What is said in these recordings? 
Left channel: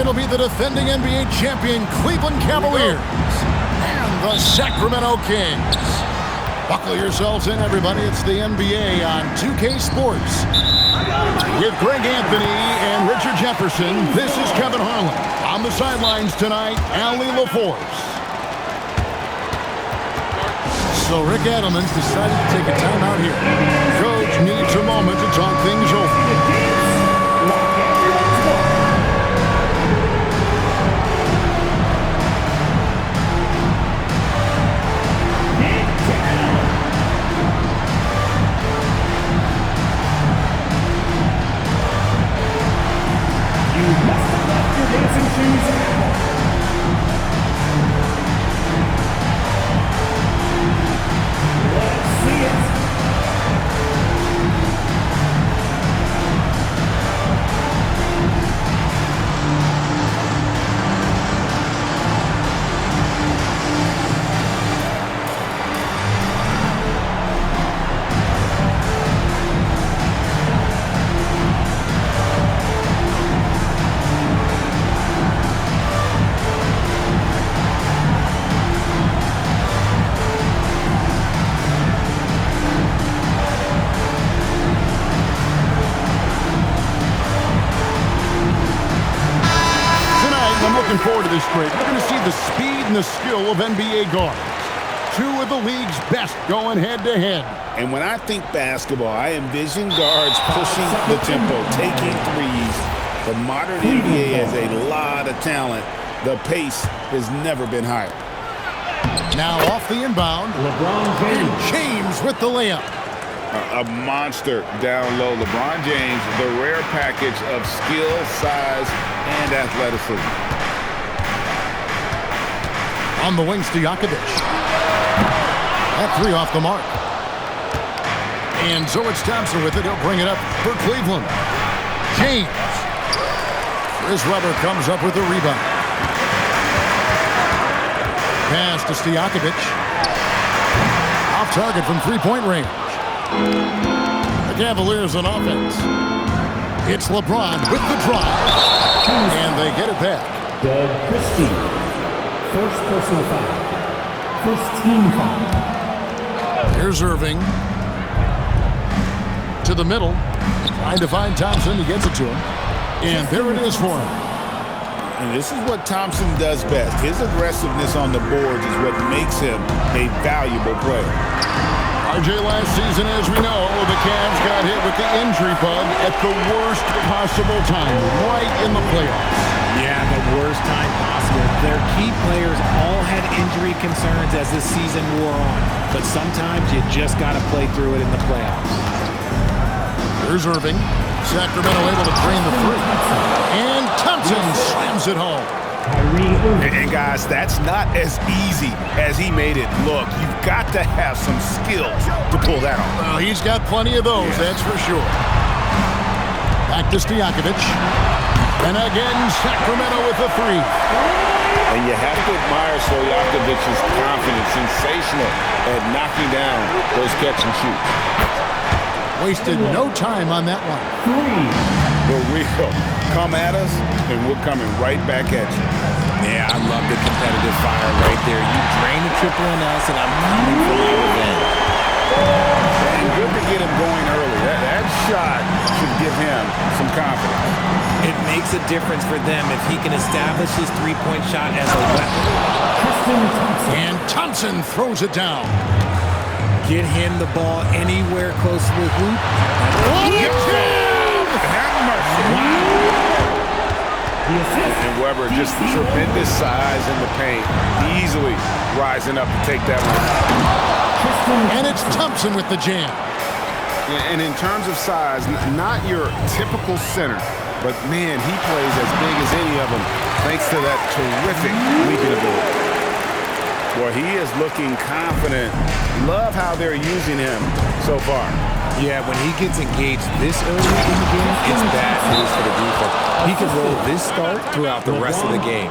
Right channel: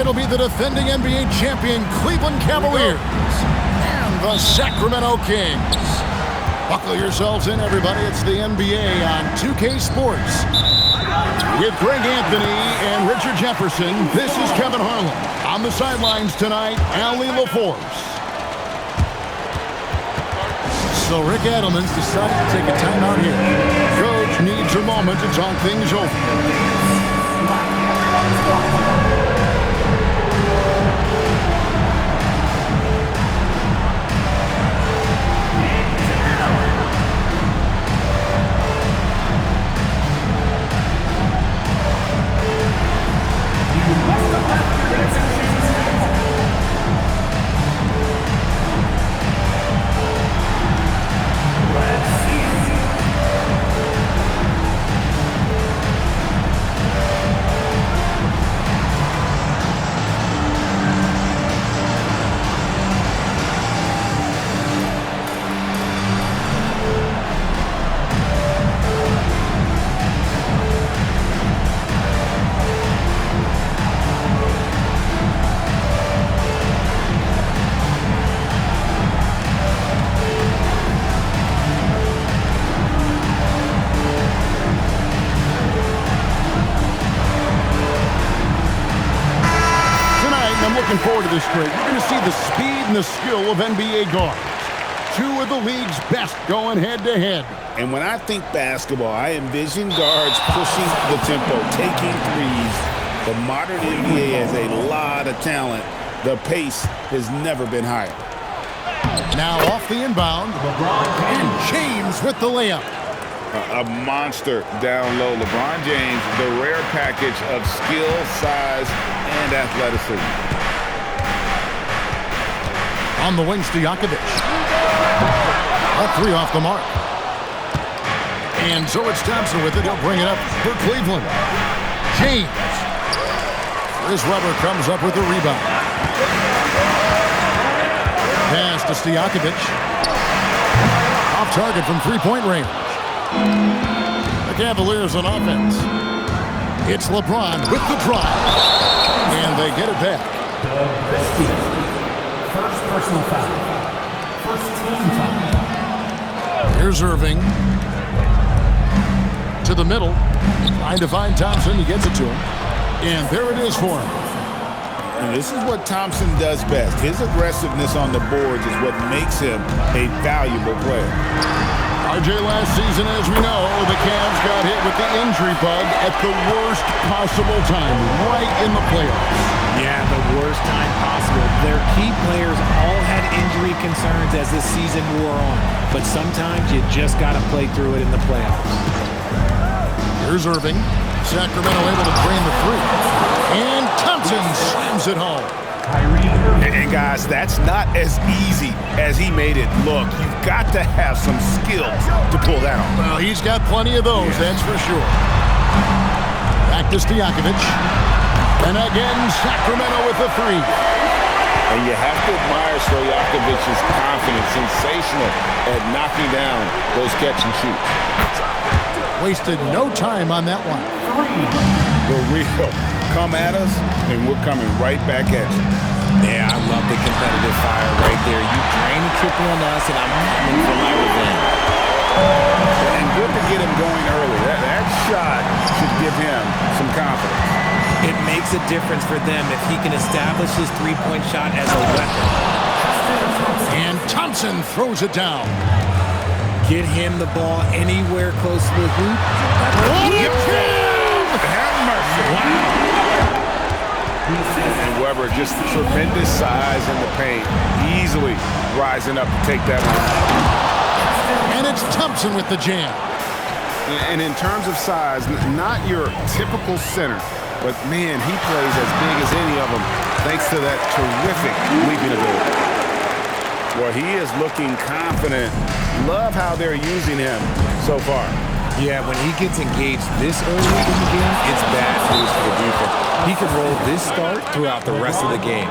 It'll be the defending NBA champion Cleveland Cavaliers and the Sacramento Kings. Buckle yourselves in, everybody. It's the NBA on 2K Sports. With Greg Anthony and Richard Jefferson, this is Kevin Harlan. On the sidelines tonight, Allie LaForce. So Rick Adelman's decided to take a timeout here. Coach needs a moment to talk things over. I'm looking forward to this trade. We're going to see the speed and the skill of NBA guards. Two of the league's best going head-to-head. And when I think basketball, I envision guards pushing the tempo, taking threes. The modern NBA has a lot of talent. The pace has never been higher. Now off the inbound. LeBron James. And James with the layup. A monster down low. LeBron James, the rare package of skill, size, and athleticism. On the wing, Stojakovic. That three off the mark. And so it's Thompson with it. He'll bring it up for Cleveland. James. Chris Webber comes up with the rebound. Pass to Stojakovic. Off target from three-point range. The Cavaliers on offense. It's LeBron with the drive. And they get it back. Doug Christie. First personal foul. First team foul. Here's Irving. To the middle. Trying to find Thompson. He gets it to him. And there it is for him. And this is what Thompson does best. His aggressiveness on the boards is what makes him a valuable player. RJ, last season, as we know, the Cavs got hit with the injury bug at the worst possible time, right in the playoffs. Yeah, the worst time possible. Their key players all had injury concerns as the season wore on. But sometimes you just got to play through it in the playoffs. Here's Irving. Sacramento able to drain the three. And Thompson slams it home. And guys, that's not as easy as he made it look. You've got to have some skills to pull that off. Well, he's got plenty of those, that's for sure. Back to Stojakovic. And again, Sacramento with the three. And you have to admire Stojakovic's confidence. Sensational at knocking down those catch and shoots. Wasted no time on that one. The real. Come at us, and we're coming right back at you. Yeah, I love the competitive fire right there. You drain a triple on us, and I'm coming for my revenge. And good to get him going early. That shot should give him some confidence. It makes a difference for them if he can establish his three-point shot as a weapon. And Thompson throws it down. Get him the ball anywhere close to the hoop. Have mercy. Wow. And Webber, just tremendous size in the paint, easily rising up to take that one. And it's Thompson with the jam. And in terms of size, not your typical center, but man, he plays as big as any of them thanks to that terrific leaping ability. Well, he is looking confident. Love how they're using him so far. Yeah, when he gets engaged this early in the game, it's bad news for the defense. He can roll this start throughout the rest of the game.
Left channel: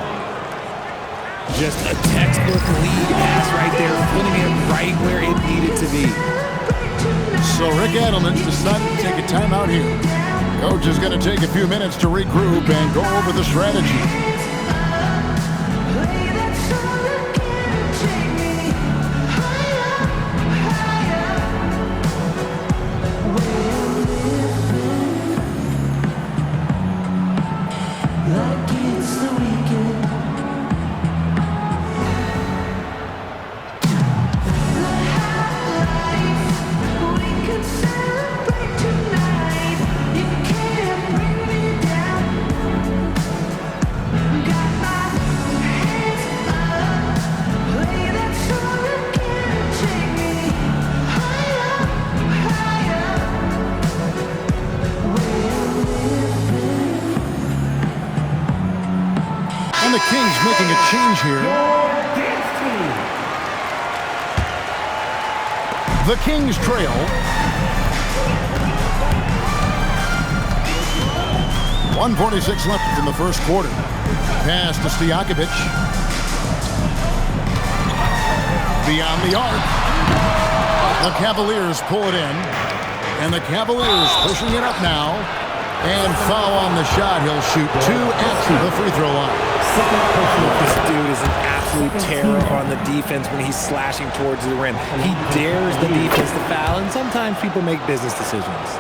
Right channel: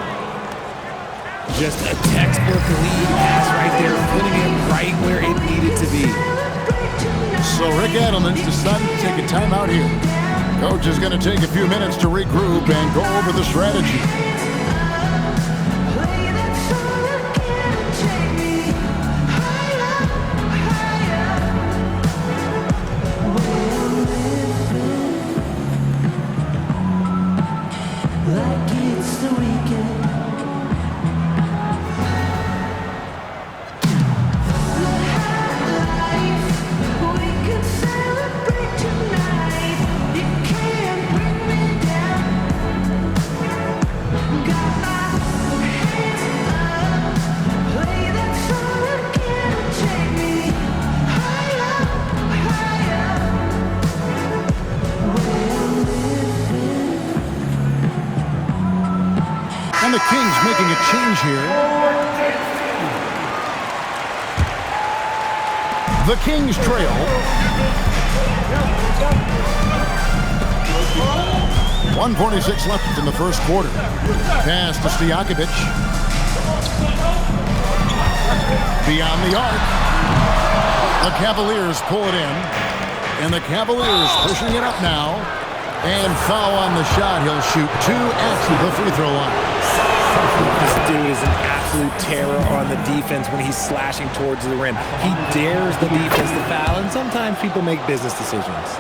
Just a textbook lead pass right there, putting it right where it needed to be. So Rick Adelman's decided to take a timeout here. Coach is going to take a few minutes to regroup and go over the strategy. Like it's the weekend. The high life, we could celebrate tonight. You can't bring me down. Got my hands up, play that song again and take me higher, higher. Where I'm living. And the Kings making a change here. The Kings trail. 1:46 left in the first quarter. Pass to Stojakovic. Beyond the arc. The Cavaliers pull it in. And the Cavaliers pushing it up now. And foul on the shot. He'll shoot 2 at the free throw line. This dude is an absolute terror on the defense when he's slashing towards the rim. He dares the defense to foul, and sometimes people make business decisions.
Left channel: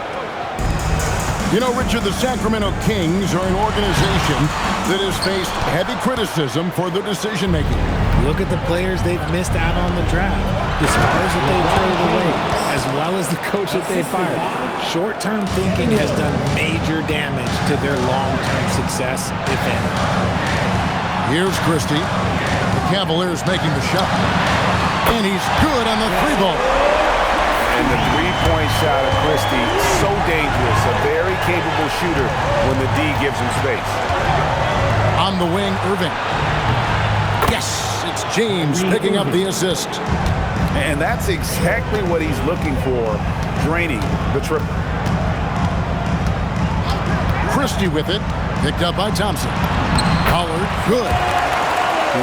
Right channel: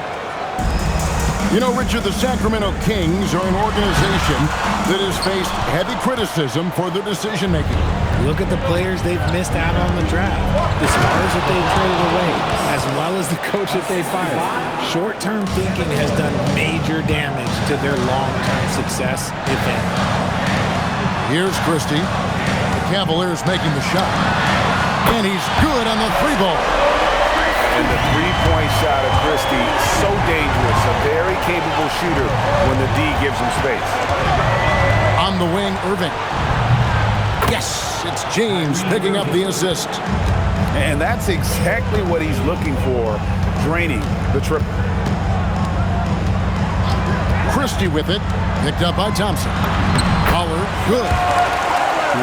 You know, Richard, the Sacramento Kings are an organization that has faced heavy criticism for their decision-making. Look at the players they've missed out on the draft, the stars that they've traded away, as well as the coach that they fired. Short-term thinking has done major damage to their long-term success, if any. Here's Christie. The Cavaliers making the shot. And he's good on the three ball. And the three-point shot of Christie, so dangerous. A very capable shooter when the D gives him space. On the wing, Irving. Yes, it's James picking up the assist. And that's exactly what he's looking for, draining the triple. Christie with it, picked up by Thompson. Pollard, good.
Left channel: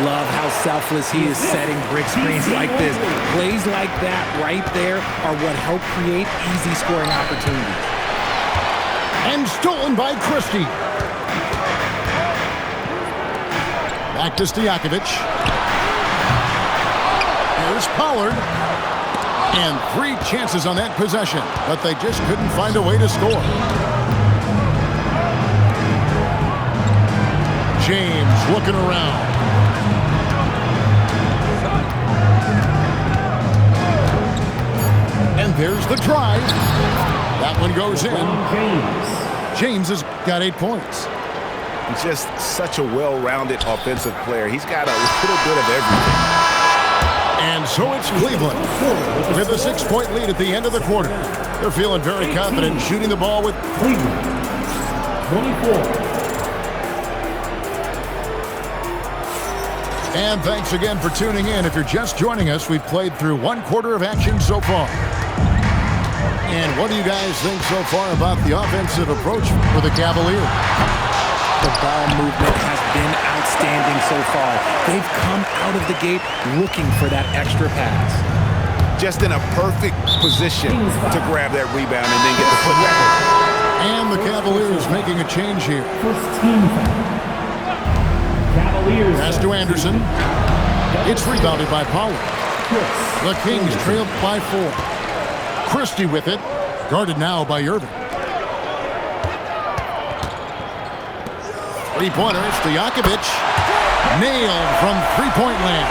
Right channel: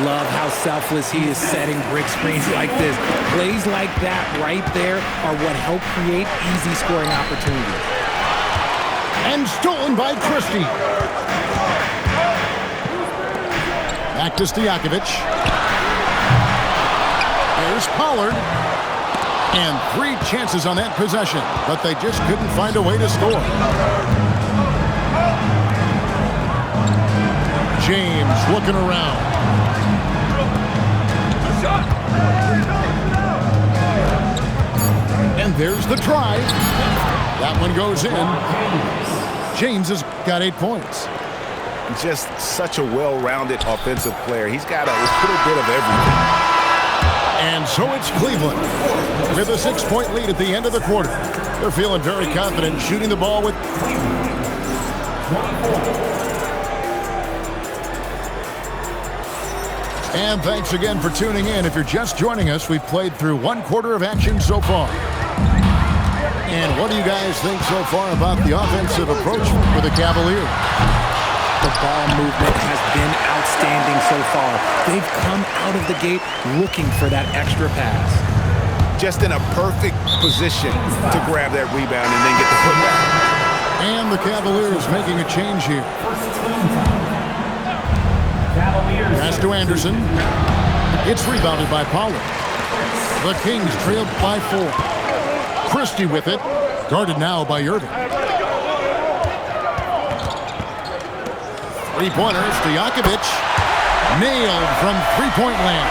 Love how selfless he is setting brick screens like this. Plays like that right there are what help create easy scoring opportunities. And stolen by Christie. Back to Stojakovic. Here's Pollard. And 3 chances on that possession, but they just couldn't find a way to score. James looking around. And there's the drive. That one goes in. James has got 8 points. Just such a well-rounded offensive player. He's got a little bit of everything. And so it's Cleveland with a 6-point lead at the end of the quarter. They're feeling very confident shooting the ball with Cleveland, 24. And thanks again for tuning in. If you're just joining us, we've played through 1 quarter of action so far. And what do you guys think so far about the offensive approach for the Cavaliers? The ball movement has been outstanding so far. They've come out of the gate looking for that extra pass. Just in a perfect position to grab that rebound and then get the putback. And the Cavaliers making a change here. First team foul. Cavaliers. Pass to Anderson. It's rebounded by Pollard. The Kings trailed by 4. Christie with it. Guarded now by Irving. 3-pointer, Stojakovic. Nailed from three-point land.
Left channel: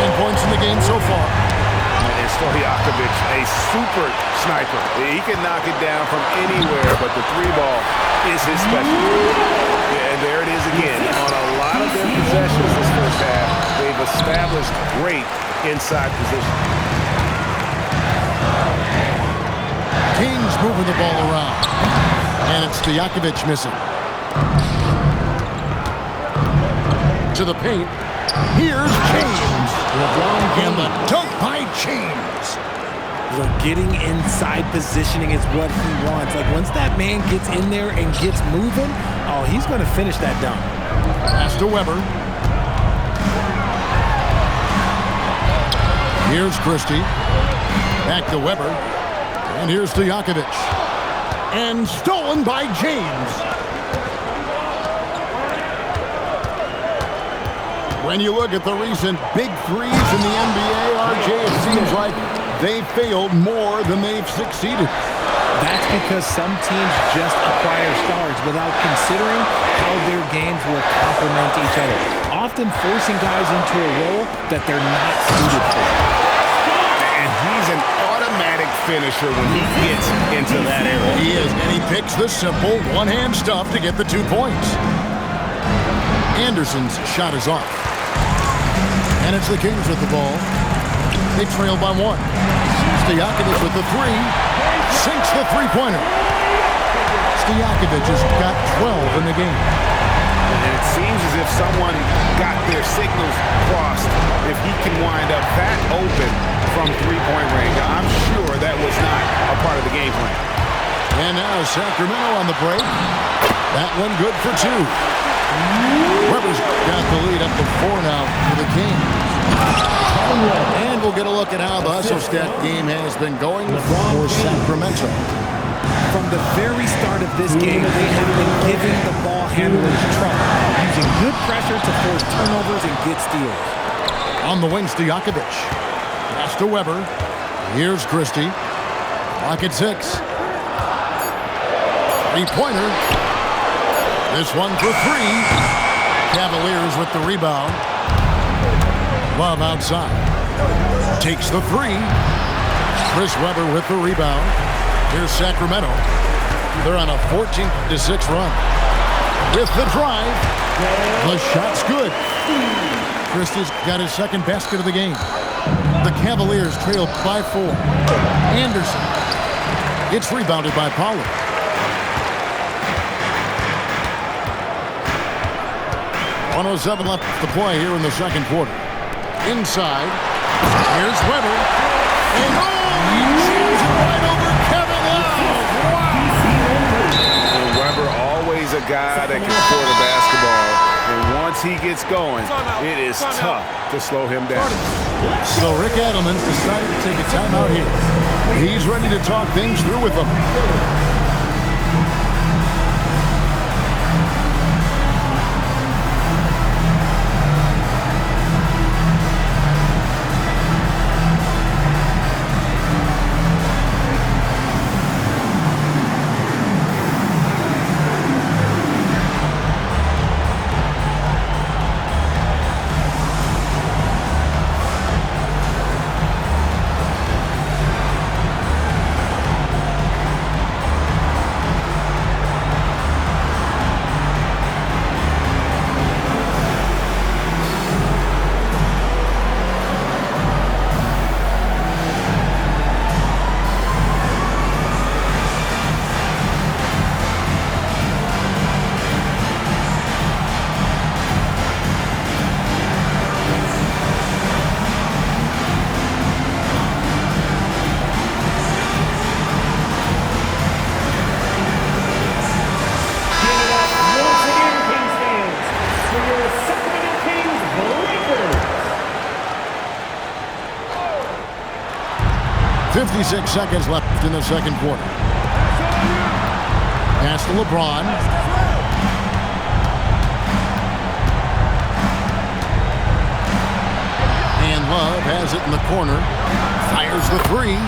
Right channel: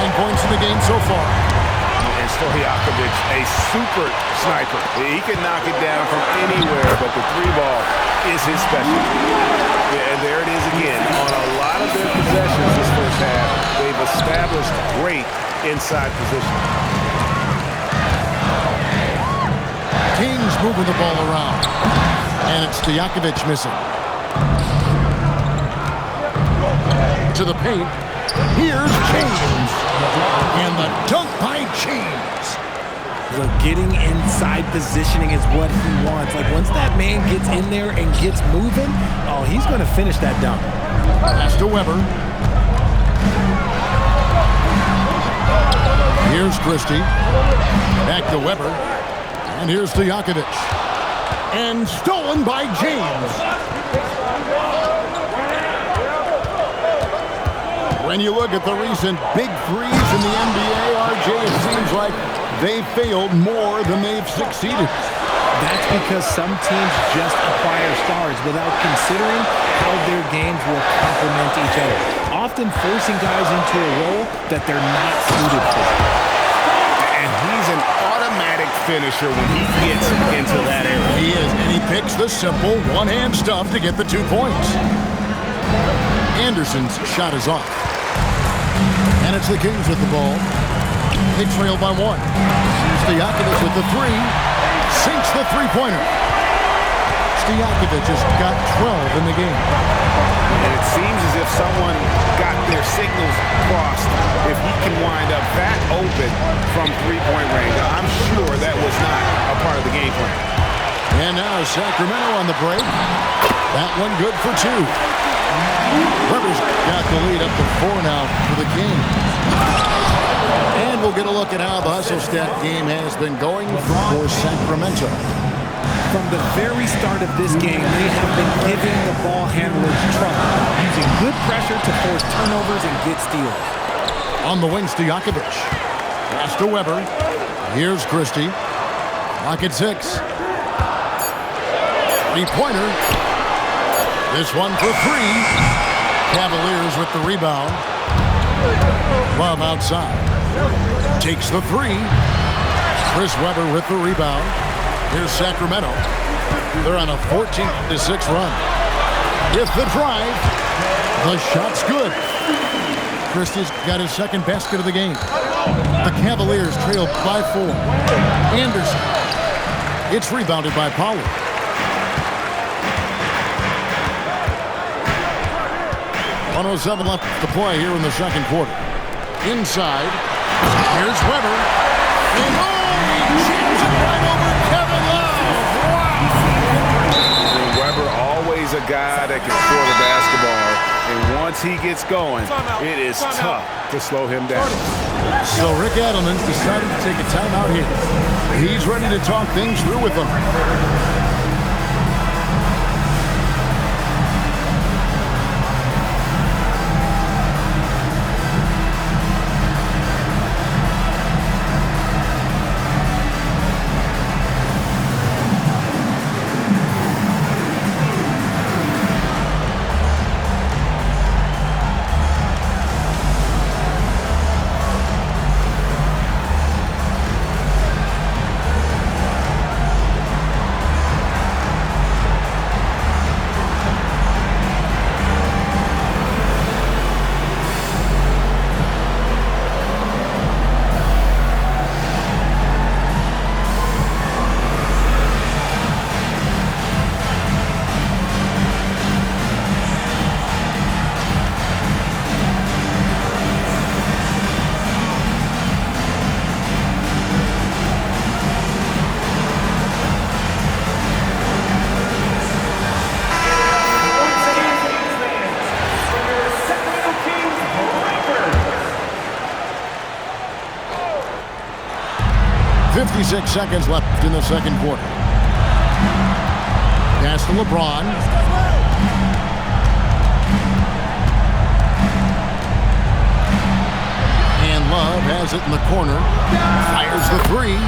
9 points in the game so far. And Stojakovic, a super sniper. He can knock it down from anywhere, but the 3-ball is his specialty. Yeah, and there it is again. On a lot of their possessions this first half, they've established great inside position. Kings moving the ball around. And it's Stojakovic missing. To the paint. Here's James. And the dunk by James. Look, getting inside positioning is what he wants. Like, once that man gets in there and gets moving, oh, he's going to finish that dunk. Pass to Weber. Here's Christie. Back to Weber. And here's Stojakovic. And stolen by James. When you look at the recent big threes in the NBA, RJ, it seems like they failed more than they've succeeded. That's because some teams just acquire stars without considering how their games will complement each other, often forcing guys into a role that they're not suited for. And he's an automatic finisher when he gets into that area. He is, and he picks the simple one-hand stuff to get the 2 points. Anderson's shot is off. And it's the Kings with the ball. They trail by 1. Stojakovic with the 3. Sinks the three-pointer. Stojakovic has got 12 in the game. And it seems as if someone got their signals crossed. If he can wind up that open from three-point range, I'm sure that was not a part of the game plan. And now Sacramento on the break. That one good for 2. Weber's got the lead up to 4 now for the Kings. And we'll get a look at how the hustle stat game has been going for Sacramento. From the very start of this game, they have been giving the ball handlers trouble, using good pressure to force turnovers and get steals. On the wing, Stojakovic. Pass to Weber. Here's Christie. Clock at 6. Three-pointer. This one for 3. Cavaliers with the rebound. Love outside. Takes the 3. Chris Weber with the rebound. Here's Sacramento. They're on a 14-6 run. With the drive. The shot's good. Christie's got his second basket of the game. The Cavaliers trail by 4. Anderson. It's rebounded by Pollard. .107 left to play here in the second quarter. Inside. Here's Weber. And he jams it right over Kevin Love. Wow! And Weber, always a guy that can score the basketball. And once he gets going, it is tough to slow him down. So Rick Adelman's decided to take a timeout here. He's ready to talk things through with them. Once again, Kings fans, your Sacramento Kings breakers. 56 seconds left in the second quarter. Pass to LeBron. And Love has it in the corner. Fires the 3.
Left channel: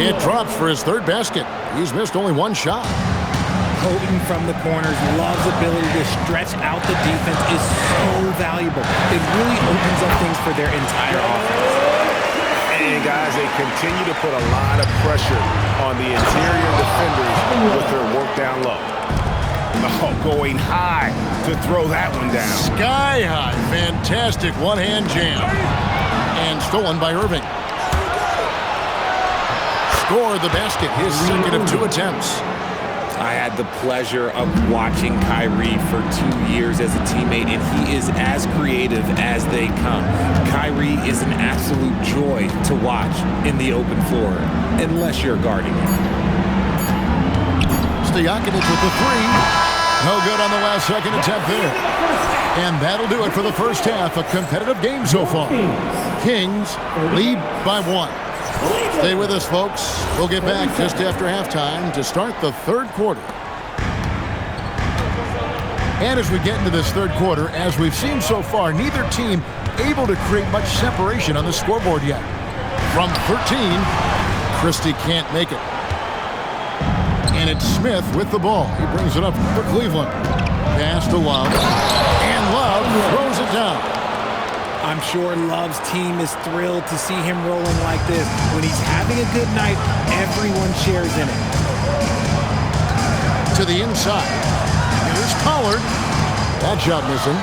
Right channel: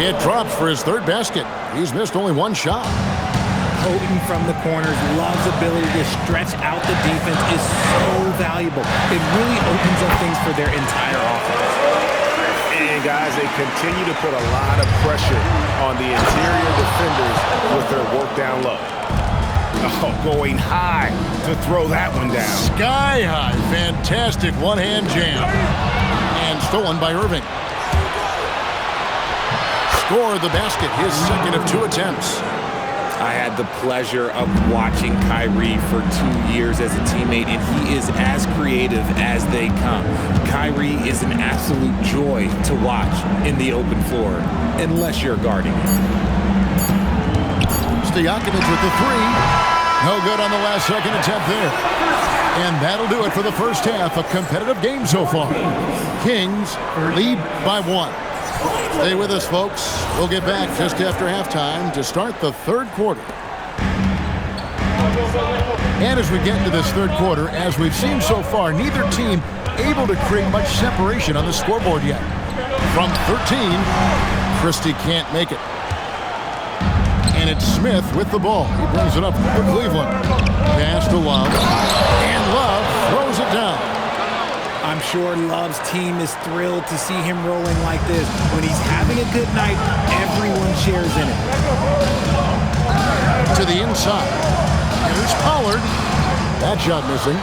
It drops for his third basket. He's missed only 1 shot. Potent from the corners. Love's ability to stretch out the defense is so valuable. It really opens up things for their entire offense. And guys, they continue to put a lot of pressure on the interior defenders with their work down low. Oh, going high to throw that one down. Sky high. Fantastic one-hand jam. And stolen by Irving. Score the basket. His second of 2 attempts. I had the pleasure of watching Kyrie for 2 years as a teammate, and he is as creative as they come. Kyrie is an absolute joy to watch in the open floor, unless you're guarding him. Stojakovic with the 3. No good on the last second attempt there. And that'll do it for the first half. A competitive game so far. Kings lead by 1. Stay with us, folks. We'll get back just after halftime to start the third quarter. And as we get into this third quarter, as we've seen so far, neither team able to create much separation on the scoreboard yet. From 13, Christie can't make it. And it's Smith with the ball. He brings it up for Cleveland. Pass to Love. And Love throws it down. I'm sure Love's team is thrilled to see him rolling like this. When he's having a good night, everyone shares in it. To the inside. Here's Pollard. That shot missing.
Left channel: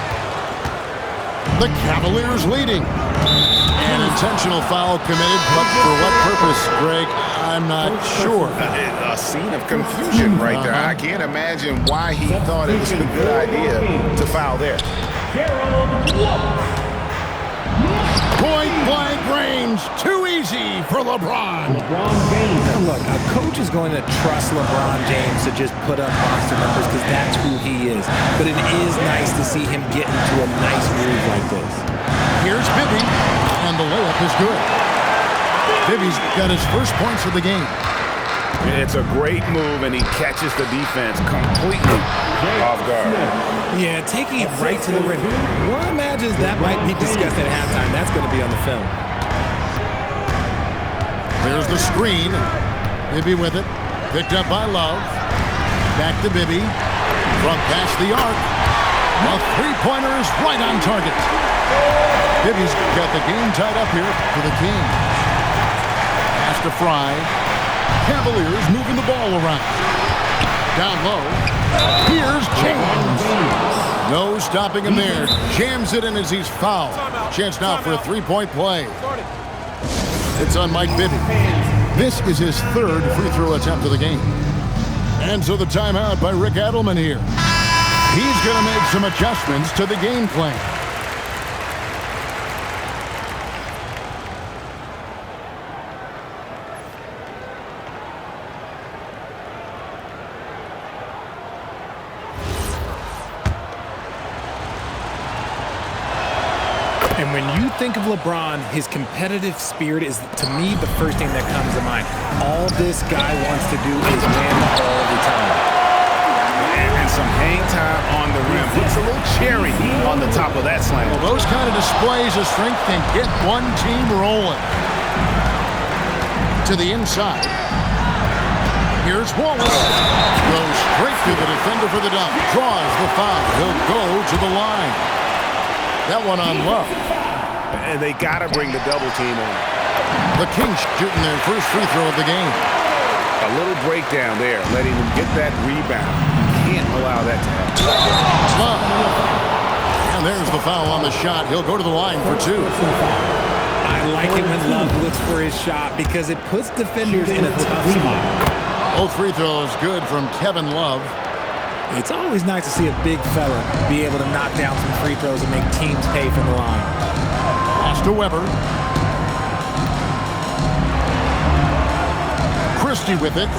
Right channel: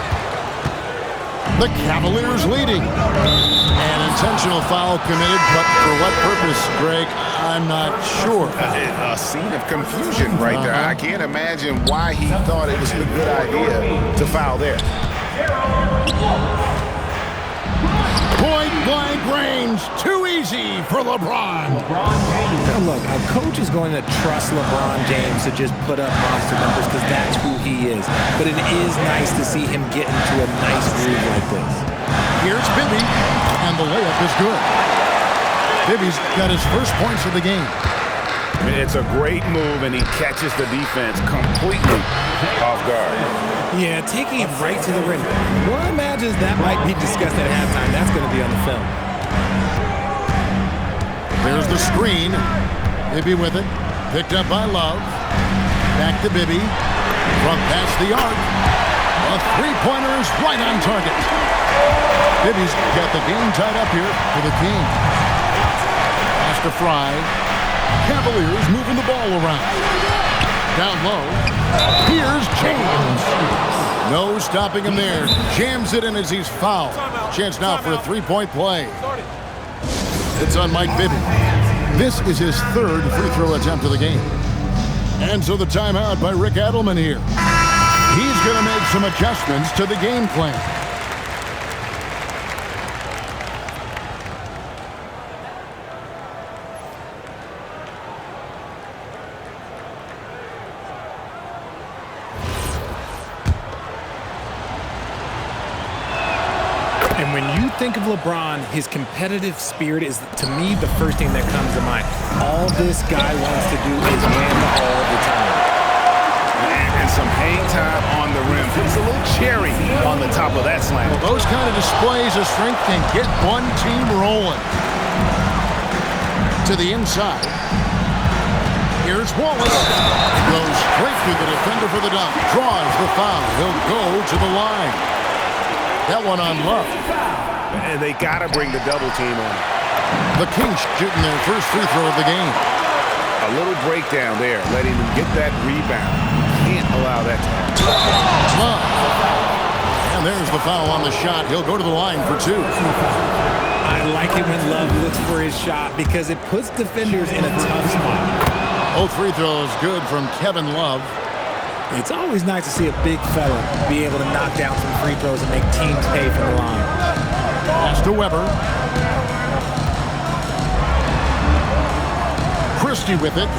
The Cavaliers leading. An intentional foul committed, but for what purpose, Greg? I'm not sure. A scene of confusion right there. I can't imagine why he thought it was a good idea to foul there. Point-blank range. Too easy for LeBron. Now look, a coach is going to trust LeBron James to just put up monster numbers because that's who he is. But it is nice to see him get into a nice groove like this. Here's Bibby, and the layup is good. Bibby's got his first points of the game. It's a great move, and he catches the defense completely off guard. Yeah, taking it right to the rim. One imagines that might be discussed at halftime. That's going to be on the film. There's the screen. Bibby with it. Picked up by Love. Back to Bibby. Front past the arc. A three-pointer is right on target. Bibby's got the game tied up here for the Kings. Pass to Fry. Cavaliers moving the ball around. Down low. Here's James. No stopping him there. Jams it in as he's fouled. Chance now for a three-point play. It's on Mike Bibby. This is his third free throw attempt of the game. And so the timeout by Rick Adelman here. He's going to make some adjustments to the game plan. And when you think of LeBron, his competitive spirit is, to me, the first thing that comes to mind. All this guy wants to do is win all the time. And some hang time on the rim. Puts a little cherry on the top of that slam. Well, those kind of displays of strength can get one team rolling. To the inside. Here's Wallace. Goes straight through the defender for the dunk. Draws the foul. He'll go to the line. That one on Love. And they got to bring the double team on it. The Kings shooting their first free throw of the game. A little breakdown there, letting them get that rebound. You can't allow that to happen. Love. And there's the foul on the shot. He'll go to the line for two. I like it when Love looks for his shot because it puts defenders in a tough spot. Both free throws good from Kevin Love. It's always nice to see a big fella be able to knock down some free throws and make teams pay from the line. Pass to Weber. Christie with it.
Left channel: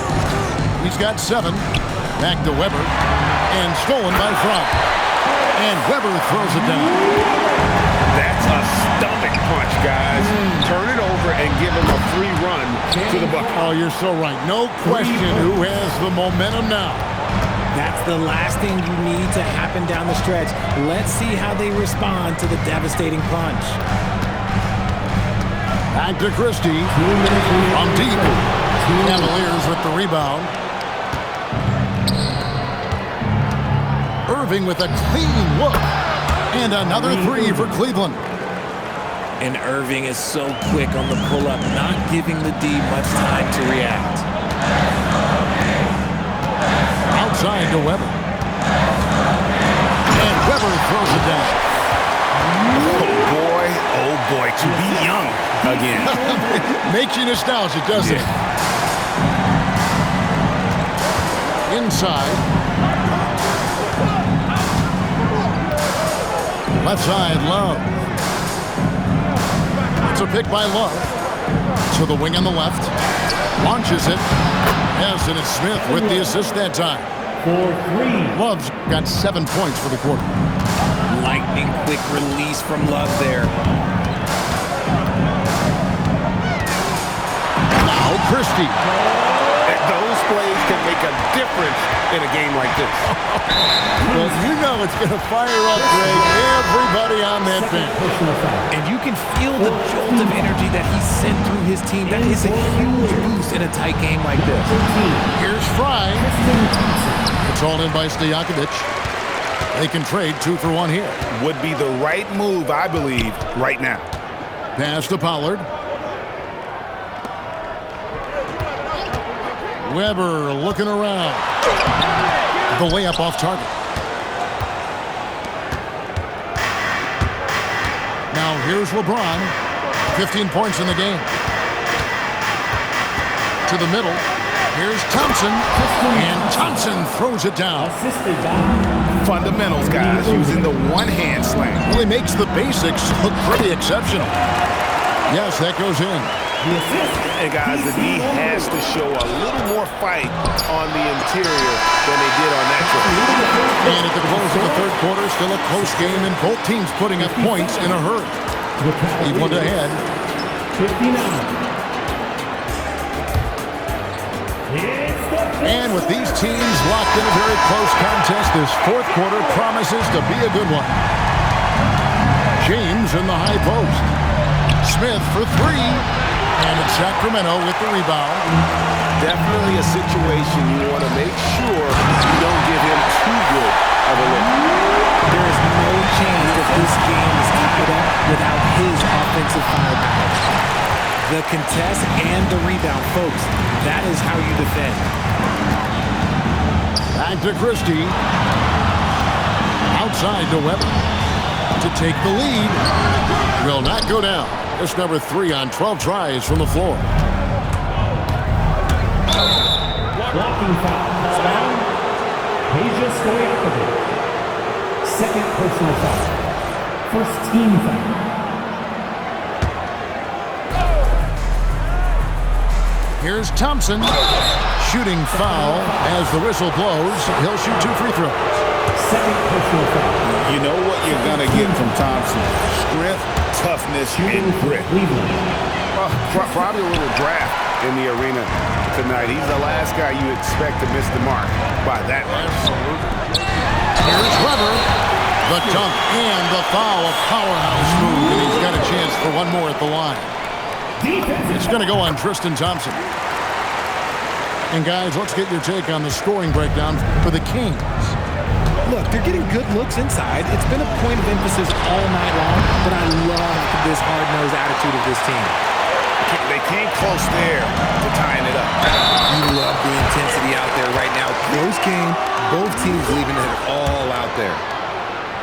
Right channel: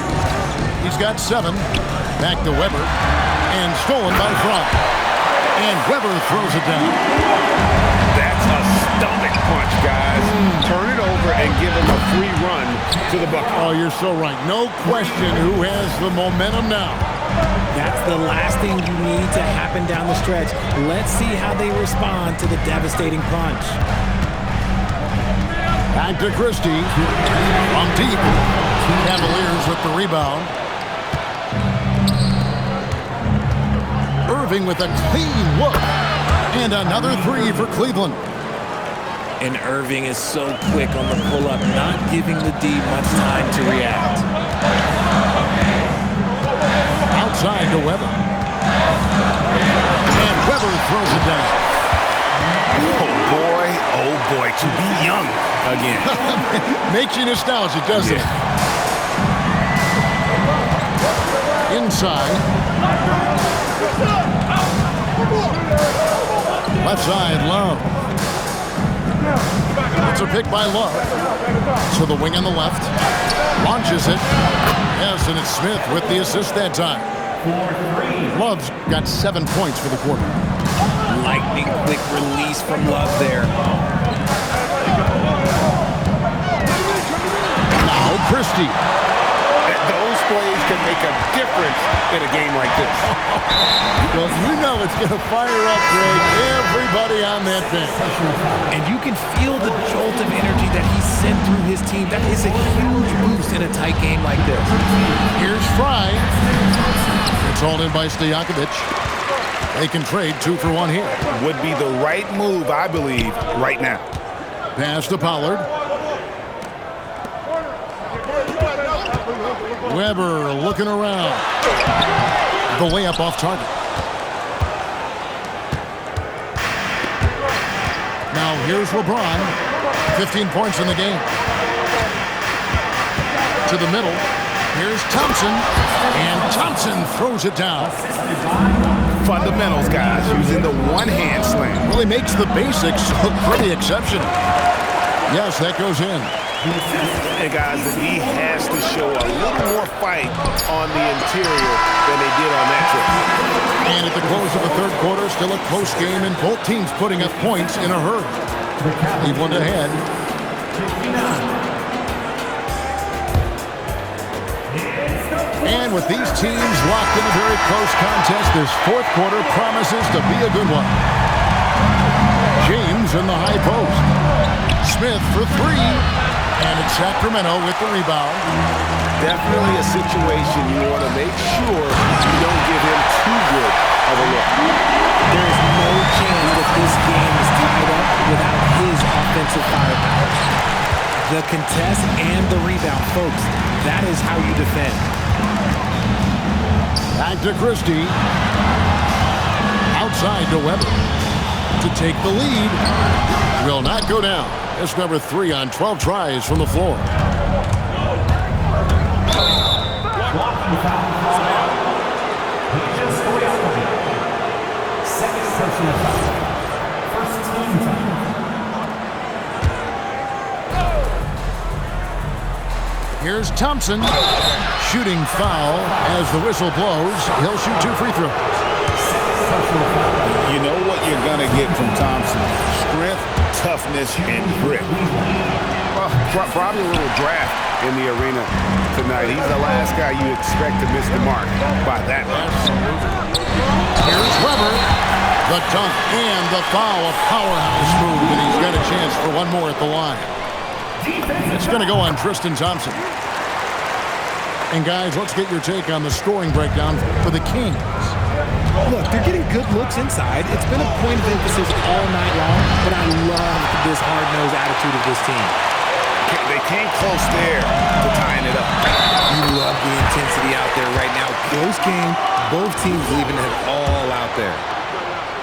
He's got 7. Back to Weber. And stolen by Fry. And Weber throws it down. That's a stomach punch, guys. Turn it over and give him a free run to the bucket. Oh, you're so right. No question who has the momentum now. That's the last thing you need to happen down the stretch. Let's see how they respond to the devastating punch. Back to Christie. From deep. Cavaliers with the rebound. Irving with a clean look. And another 3 for Cleveland. And Irving is so quick on the pull-up, not giving the D much time to react. Outside to Weber. And Weber throws it down. Oh boy, to be young again. Makes you nostalgic, doesn't it? Inside. Left side, Love. It's a pick by Love. To the wing on the left. Launches it. Yes, and it's Smith with the assist that time. Love's got 7 points for the quarter. Lightning quick release from Love there. Now Christie. Those plays can make a difference in a game like this. Well, you know it's going to fire up, Greg, everybody on that bench. And you can feel the jolt of energy that he sent through his team. That is a huge boost in a tight game like this. Here's Fry. It's hauled in by Stojakovic. They can trade 2 for 1 here. Would be the right move, I believe, right now. Pass to Pollard. Weber looking around. The layup off target. Now here's LeBron. 15 points in the game. To the middle. Here's Thompson. And Thompson throws it down. Fundamentals, guys, using the one-hand slam. Really makes the basics look pretty exceptional. Yes, that goes in. And guys, the D has to show a little more fight on the interior than they did on that trip. And at the close of the third quarter, still a close game, and both teams putting up points in a hurry. Cleveland ahead. 59. And with these teams locked in a very close contest, this fourth quarter promises to be a good one. James in the high post. Smith for 3. And it's Sacramento with the rebound. Definitely a situation you want to make sure you don't give him too good of a look. There is no chance that this game is tied up without his offensive firepower. The contest and the rebound, folks, that is how you defend. Back to Christie. Outside to Weber. To take the lead. Will not go down. It's number 3 on 12 tries from the floor. Blocking foul. Peja Stojakovic. Second personal foul. First team foul. Here's Thompson. Shooting foul as the whistle blows. He'll shoot 2 free throws. Second personal foul. You know what you're going to get from Thompson. Strength, toughness, and grit. Probably a little draft in the arena tonight. He's the last guy you expect to miss the mark by that much. Here's Weber. The dunk and the foul. A powerhouse move, and he's got a chance for one more at the line. It's going to go on Tristan Thompson. And guys, let's get your take on the scoring breakdown for the Kings. Look, they're getting good looks inside. It's been a point of emphasis all night long, but I love this hard-nosed attitude of this team. They came close there to tying it up. You love the intensity out there right now. Close game, both teams leaving it all out there.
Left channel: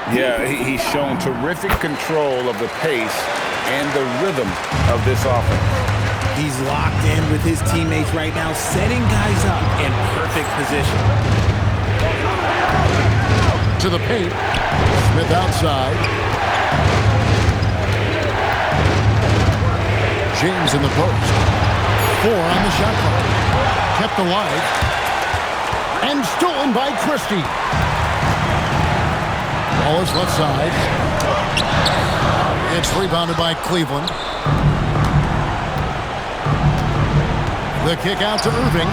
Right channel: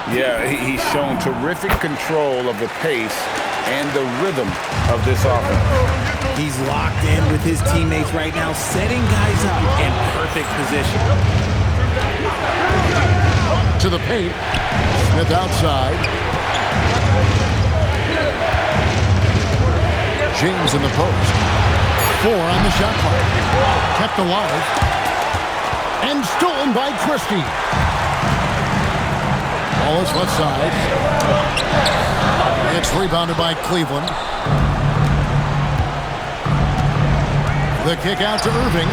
Yeah, he's shown terrific control of the pace and the rhythm of this offense. He's locked in with his teammates right now, setting guys up in perfect position. To the paint. Smith outside. James in the post. 4 on the shot clock. Kept alive. And stolen by Christie. Ball is left side. It's rebounded by Cleveland. The kick out to Irving.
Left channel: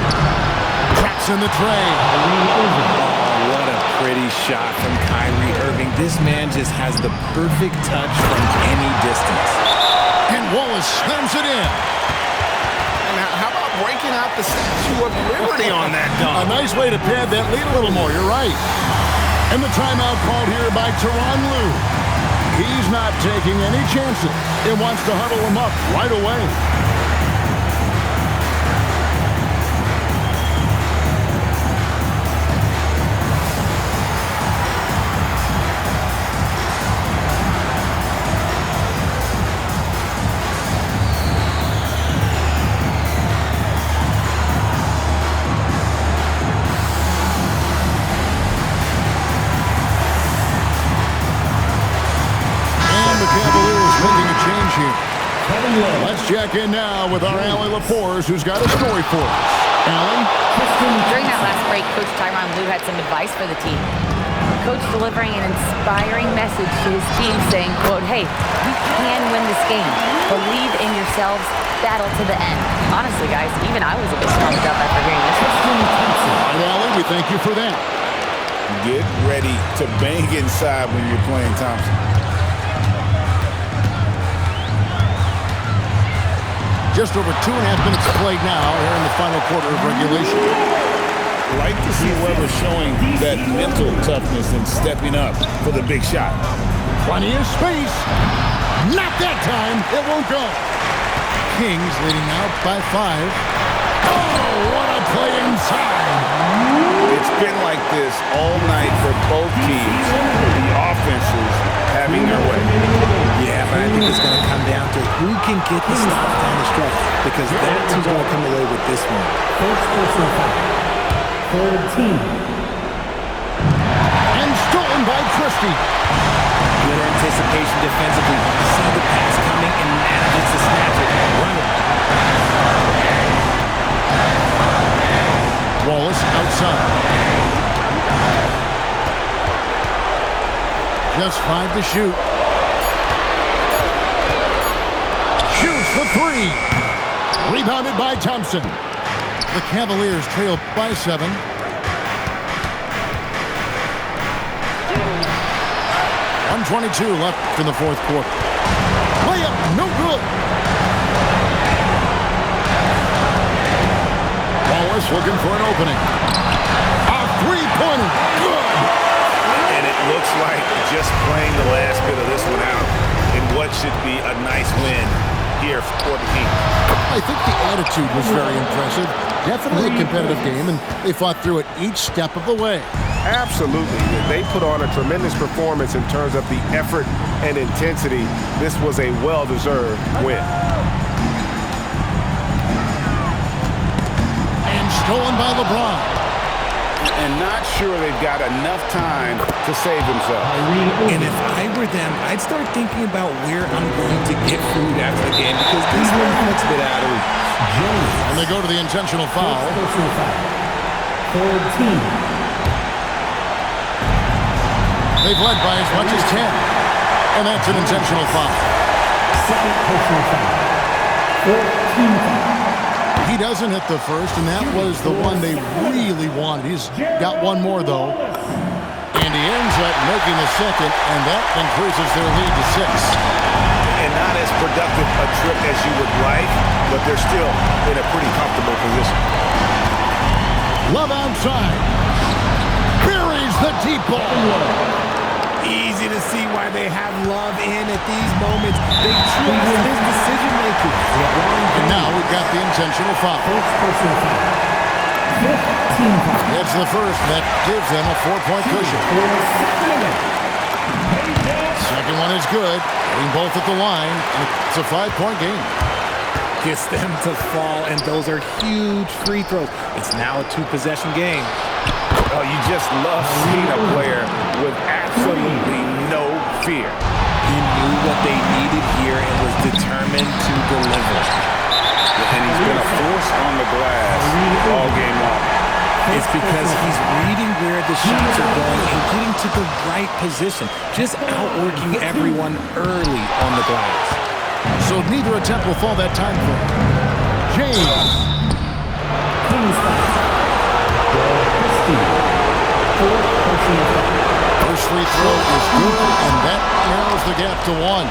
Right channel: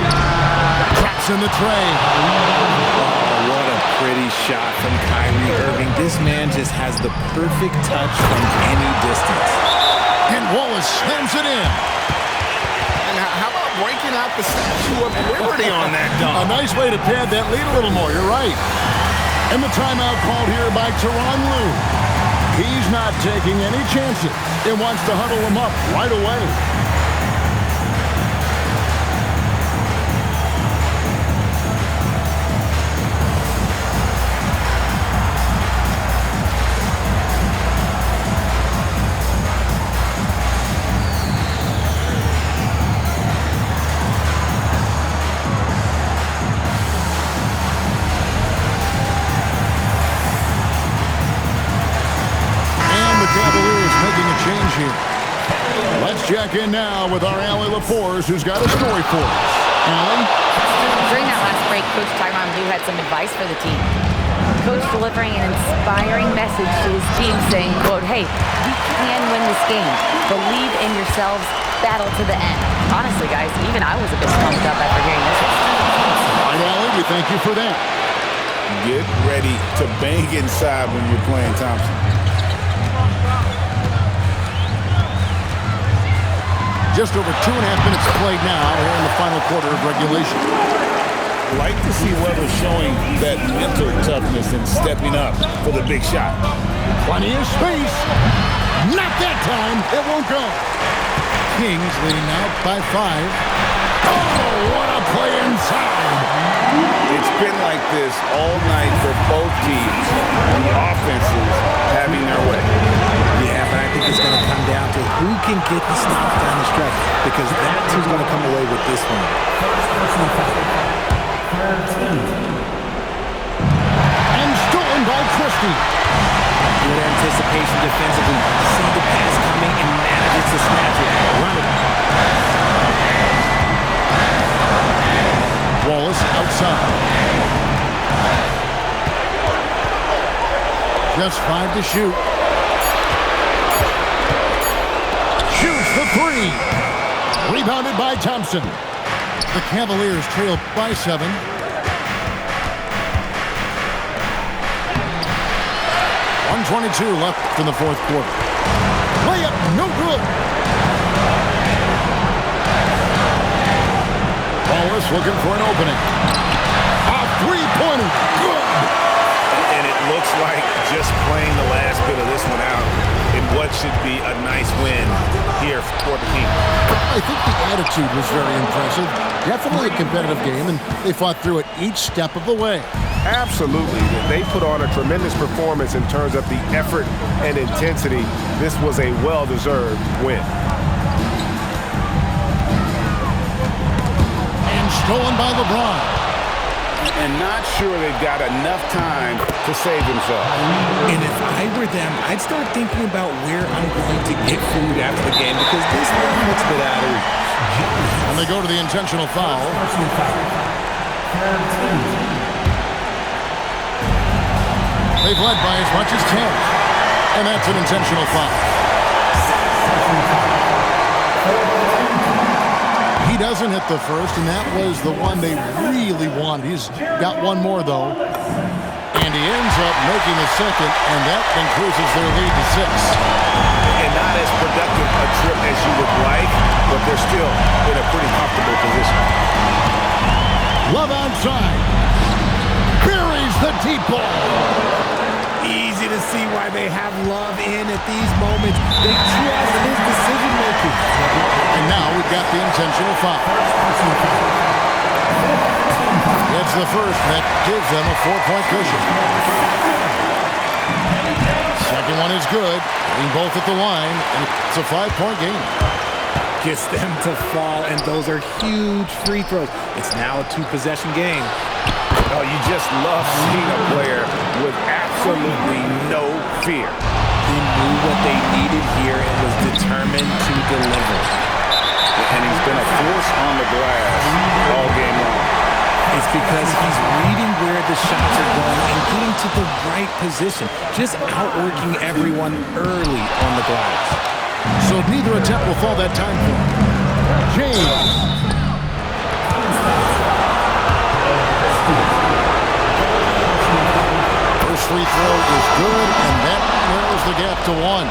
Traps in the tray. Oh, what a pretty shot from Kyrie Irving. This man just has the perfect touch from any distance. And Wallace slams it in. And how about breaking out the Statue of Liberty on that A dunk? nice way to pad that lead a little more. You're right. And the timeout called here by Tyronn Lue. He's not taking any chances and wants to huddle him up right away. The Cavaliers making a change here. Let's check in now with our Allie LaForce, who's got a story for us. Allie? During that last break, Coach Tyronn Lue had some advice for the team. Coach delivering an inspiring message to his team saying, quote, "Hey, we can win this game. Believe in yourselves. Battle to the end." Honestly, guys, even I was a bit pumped up after hearing this one. All right, Allie, we thank you for that. Get ready to bang inside when you're playing Thompson. Just over 2.5 minutes played now here in the final quarter of regulation. Like to see Weber showing that mental toughness and stepping up for the big shot. Plenty of space. Not that time. It won't go. Kings leading now by 5. Oh, what a play inside. It's been like this all night for both teams. The offenses having their way. Yeah, but I think it's going to come down to who can get the stops down the stretch, because that's who's going to come away with this one. First personal foul. Third team. And stolen by Christie. Good anticipation defensively. See the pass coming and manages to snatch it. Run it. Wallace outside. Just 5 to shoot. Shoots the 3. Rebounded by Thompson. The Cavaliers trail by 7. .122 left in the fourth quarter. Layup, no good. Wallace looking for an opening. A three-pointer, good. And it looks like just playing the last bit of this one out in what should be a nice win here for the Kings. I think the attitude was very impressive. Definitely a competitive game, and they fought through it each step of the way. Absolutely. They put on a tremendous performance in terms of the effort and intensity. This was a well-deserved win. And stolen by LeBron. And not sure they've got enough time to save themselves. And if I were them, I'd start thinking about where I'm going to get food after the game, because this one looks a bit out of reach. And they go to the intentional foul. Personal foul. Third team. They've led by as much as 10. And that's an intentional foul. Second personal foul. Fourth team foul. He doesn't hit the first, and that was the one they really wanted. He's got one more, though. And he ends up making the second, and that increases their lead to 6. And not as productive a trip as you would like, but they're still in a pretty comfortable position. Love outside. Buries the deep ball. Easy to see why they have Love in at these moments. They trust his decision-making. And now we've got the intentional foul. First personal foul. Fifth team foul. It's the first, and that gives them a 4-point cushion. Second one is good. Getting both at the line, and it's a 5-point game. Gets them to fall, and those are huge free throws. It's now a 2-possession game. Oh, you just love seeing a player with absolutely no fear. He knew what they needed here and was determined to deliver. And he's been a force on the glass all game long. It's because he's reading where the shots are going and getting to the right position, just outworking everyone early on the glass. So neither attempt will fall that time for him. James. First free throw is good, and that narrows the gap to 1.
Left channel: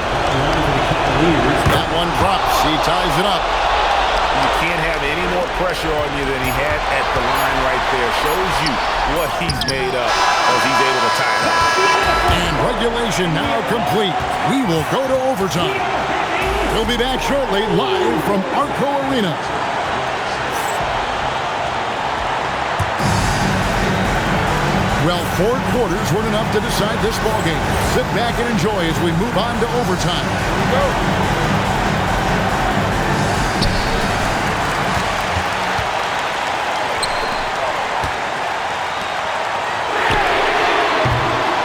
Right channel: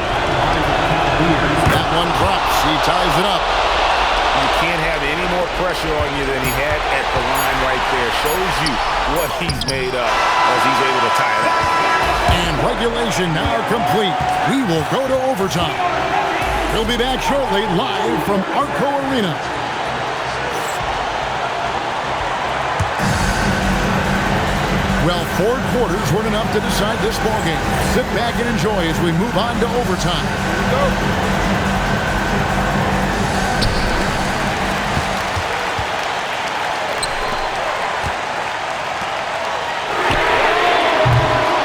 That one drops. He ties it up. You can't have any more pressure on you than he had at the line right there. Shows you what he's made up as he's able to tie it up. And regulation now complete. We will go to overtime. We'll be back shortly, live from Arco Arena. Well, 4 quarters weren't enough to decide this ballgame. Sit back and enjoy as we move on to overtime. Here we go.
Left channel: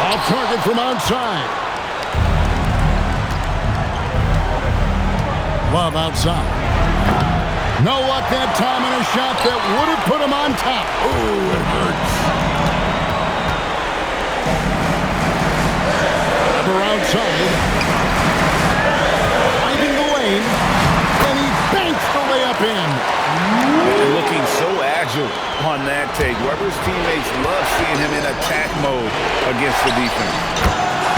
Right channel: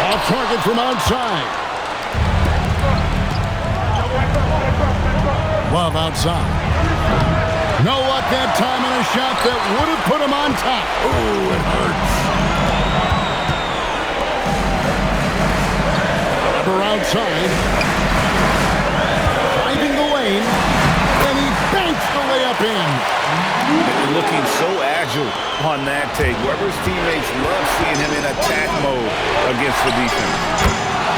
Off target from outside. Love outside. No luck that time on a shot that would have put him on top. Ooh, it hurts. Outside, driving the lane, and he banks the layup in. And looking so agile on that take. Weber's teammates love seeing him in attack mode against the defense.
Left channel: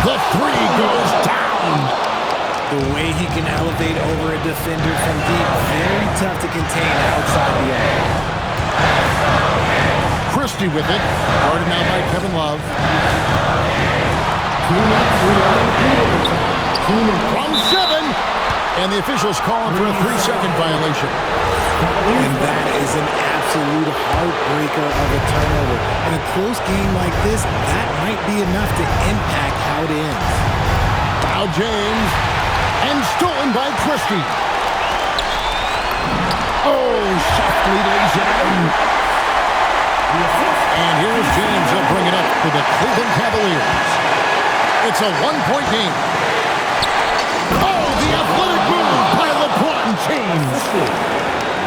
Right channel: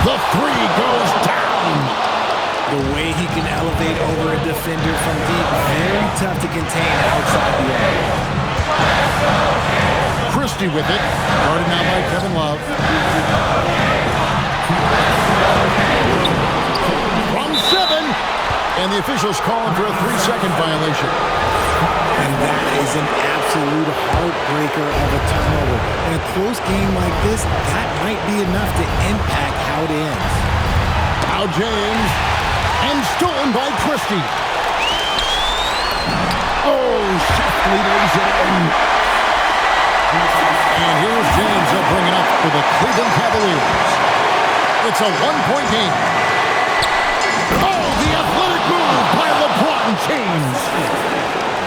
The three goes down. The way he can elevate over a defender from deep, very tough to contain outside the arc. Christie with it. Guarded now by Kevin Love. From 7. And the officials calling for a 3-second violation. And that is an absolute heartbreaker of a turnover. In a close game like this, that might be enough to impact how it ends. Now James. And stolen by Christie. Oh, softly lays it in. And here's James. He'll bring it up for the Cleveland Cavaliers. It's a 1-point game. Oh, the athletic move by LeBron James.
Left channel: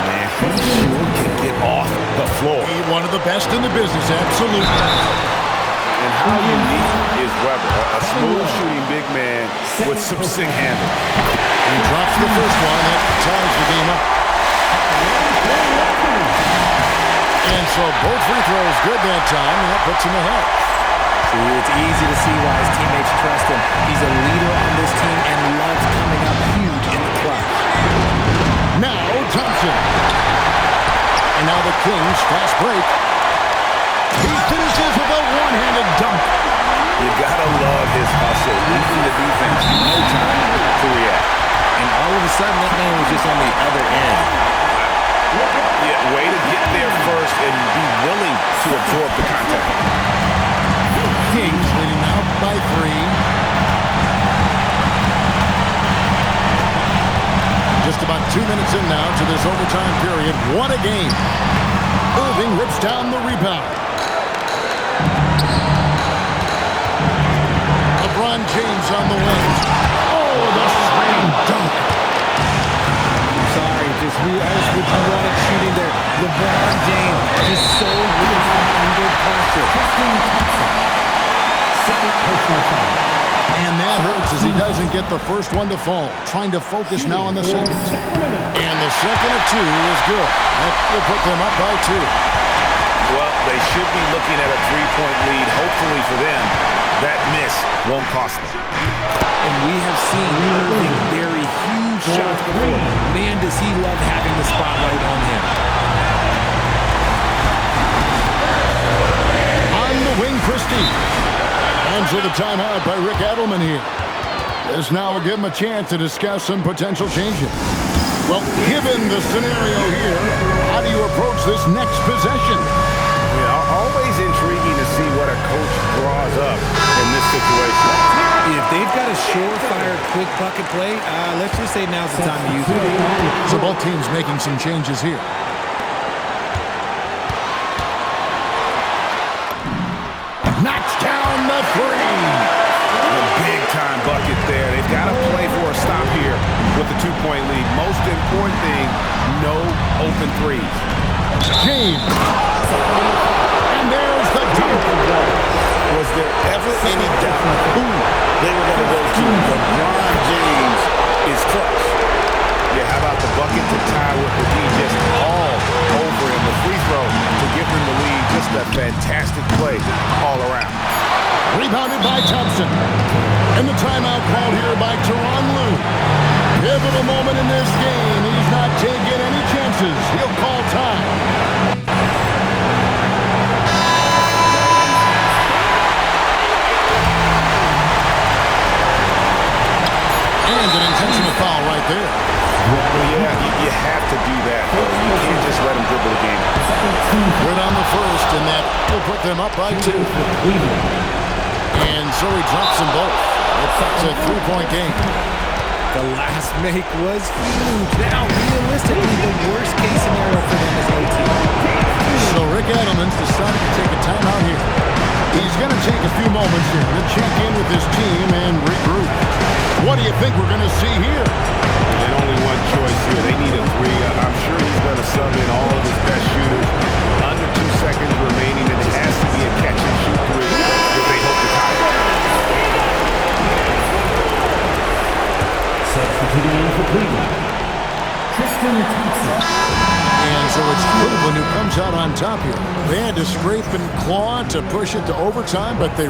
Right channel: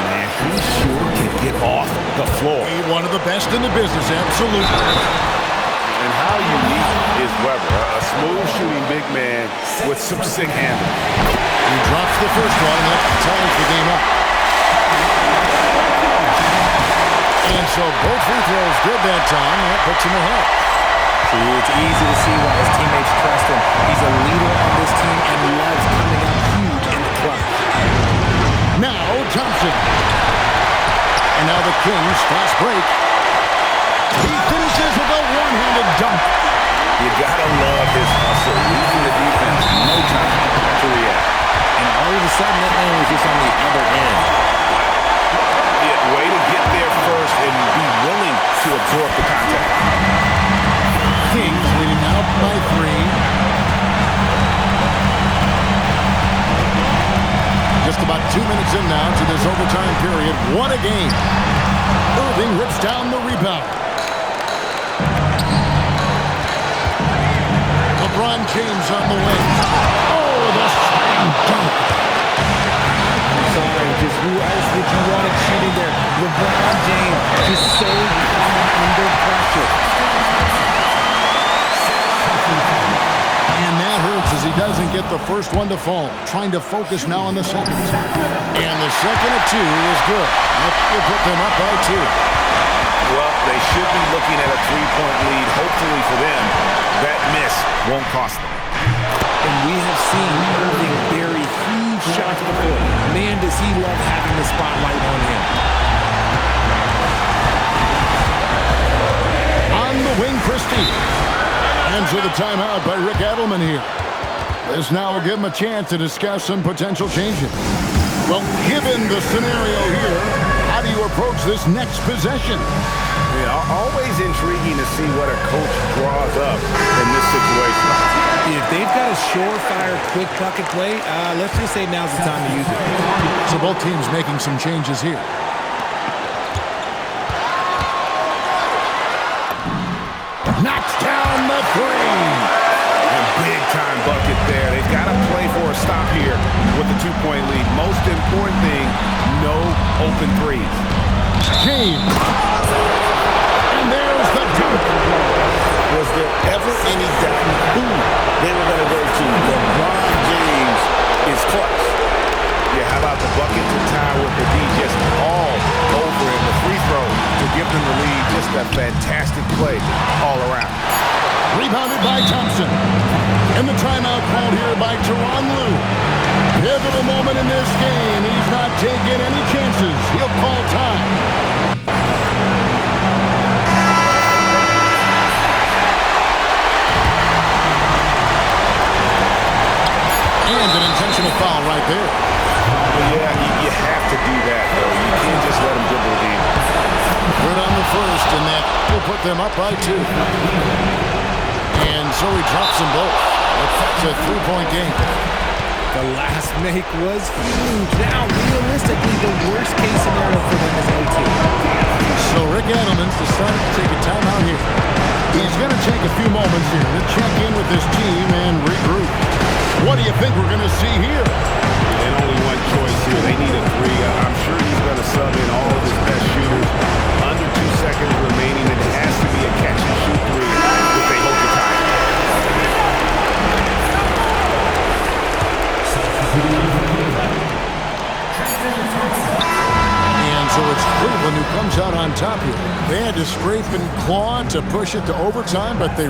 Man, he sure can get off the floor. He's one of the best in the business, absolutely. And how unique is Weber? A smooth shooting big man with some sick handles. He drops the first one, and that ties the game up. And so both free throws good that time, and that puts him ahead. See, it's easy to see why his teammates trust him. He's a leader on this team and loves coming up huge in the clutch. Now Thompson. And now the Kings fast break. He finishes with a one-handed dunk. You gotta love his hustle, leaving the defense no time to react. And all of a sudden, that man was just on the other end. Yeah, way to get there first and be willing to absorb the contact. Kings leading now by 3. Just about 2 minutes in now to this overtime period. What a game. Irving rips down the rebound. LeBron James on the wing. Oh, the slam dunk. I'm sorry, just who else would you want it shooting there? LeBron James, just so calm under pressure. And that hurts as he doesn't get the first one to fall. Trying to focus now on the second. And the second of 2 is good. That will put them up by 2. Well, they should be looking at a 3-point lead. Hopefully for them, that miss won't cost them. And we have seen Irving bury huge shots before. Man, does he love having the spotlight on him. On the wing, Christie. And so the timeout by Rick Edelman here. This now will give him a chance to discuss some potential changes. Well, given the scenario here, how do you approach this next possession? Yeah, always intriguing to see what a coach draws up in this situation. If they've got a surefire quick bucket play, let's just say now's the time to use it. So both teams making some changes here. Knocks down the 3. A big-time bucket there. They've got to play for a stop here with the 2-point lead. Most important thing, no open threes. James. And there's the dunk. Was there ever any doubt who they were going to go to? LeBron James is clutch. Yeah, how about the bucket to tie with the D just all over him. The free throw to give them the lead. Just a fantastic play all around. Rebounded by Thompson. And the timeout called here by Tyronn Lue. Pivotal moment in this game. He's not taking any chances. He'll call time. And an intentional foul right there. Well, yeah, you have to do that, though. You can't just let him dribble the game. Good on the first, and that will put them up by 2. And so he drops them both. It's a 3-point game. The last make was huge. Now, realistically, the worst-case scenario for them is OT. So Rick Edelman's decided to take a timeout here. He's going to take a few moments here to check in with his team and regroup. What do you think we're going to see here? And only one choice here. They need a 3. I'm sure he's going to sub in all of his best shooters. Under 2 seconds remaining, and it has to be a catch-and-shoot 3 if they hope to tie it. Substituting for Cleveland, Tristan Thompson. comes out on top here. They had to scrape and claw to push it to overtime, but they